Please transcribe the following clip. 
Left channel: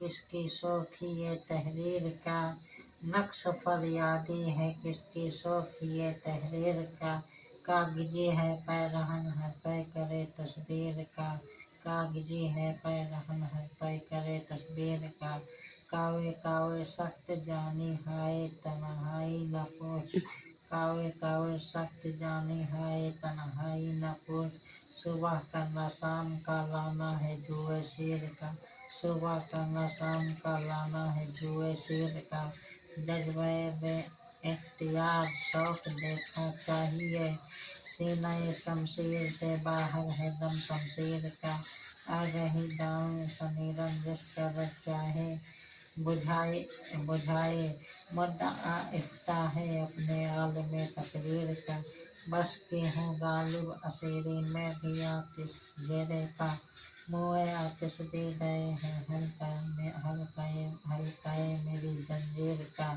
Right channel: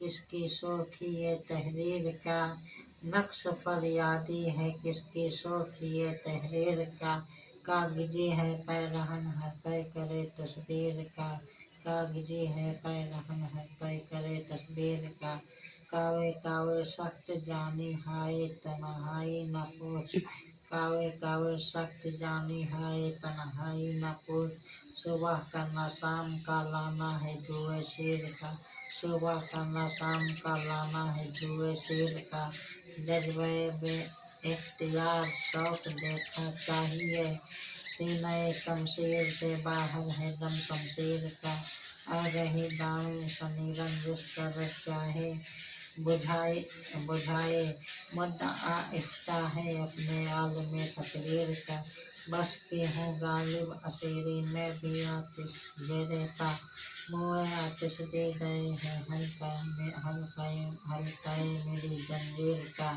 किसकी शौखी ये तहरीर का नक्श फरियादी है, किसकी शौखी ये तहरीर का कागजी है पैरहन है तय करे तस्वीर का, कागजी है पैरहन है तय करे तस्वीर का। कावे कावे सख्त जानी हाय तन्हाई न पूछ, कावे कावे सख्त जानी हाय तन्हाई न पूछ। सुबह करना शाम का लाना है जुए शेर का, सुबह करना शाम का लाना है जुए शेर का। जज्बे बे इख्तियार शौक देखा चाहिए, सीने शमशीर से बाहर है दम शमशीर का। आ रही दाएं समीरन जिस पर चाहे बुझाए बुझाए, मुद्दा इफ्ता है अपने आलम तकदीर का। बस की हूँ गालिब असीरी में भी आतिश घेरे का, मुँह आतिश दे गए हैं हल्काए मेरी जंजीर का।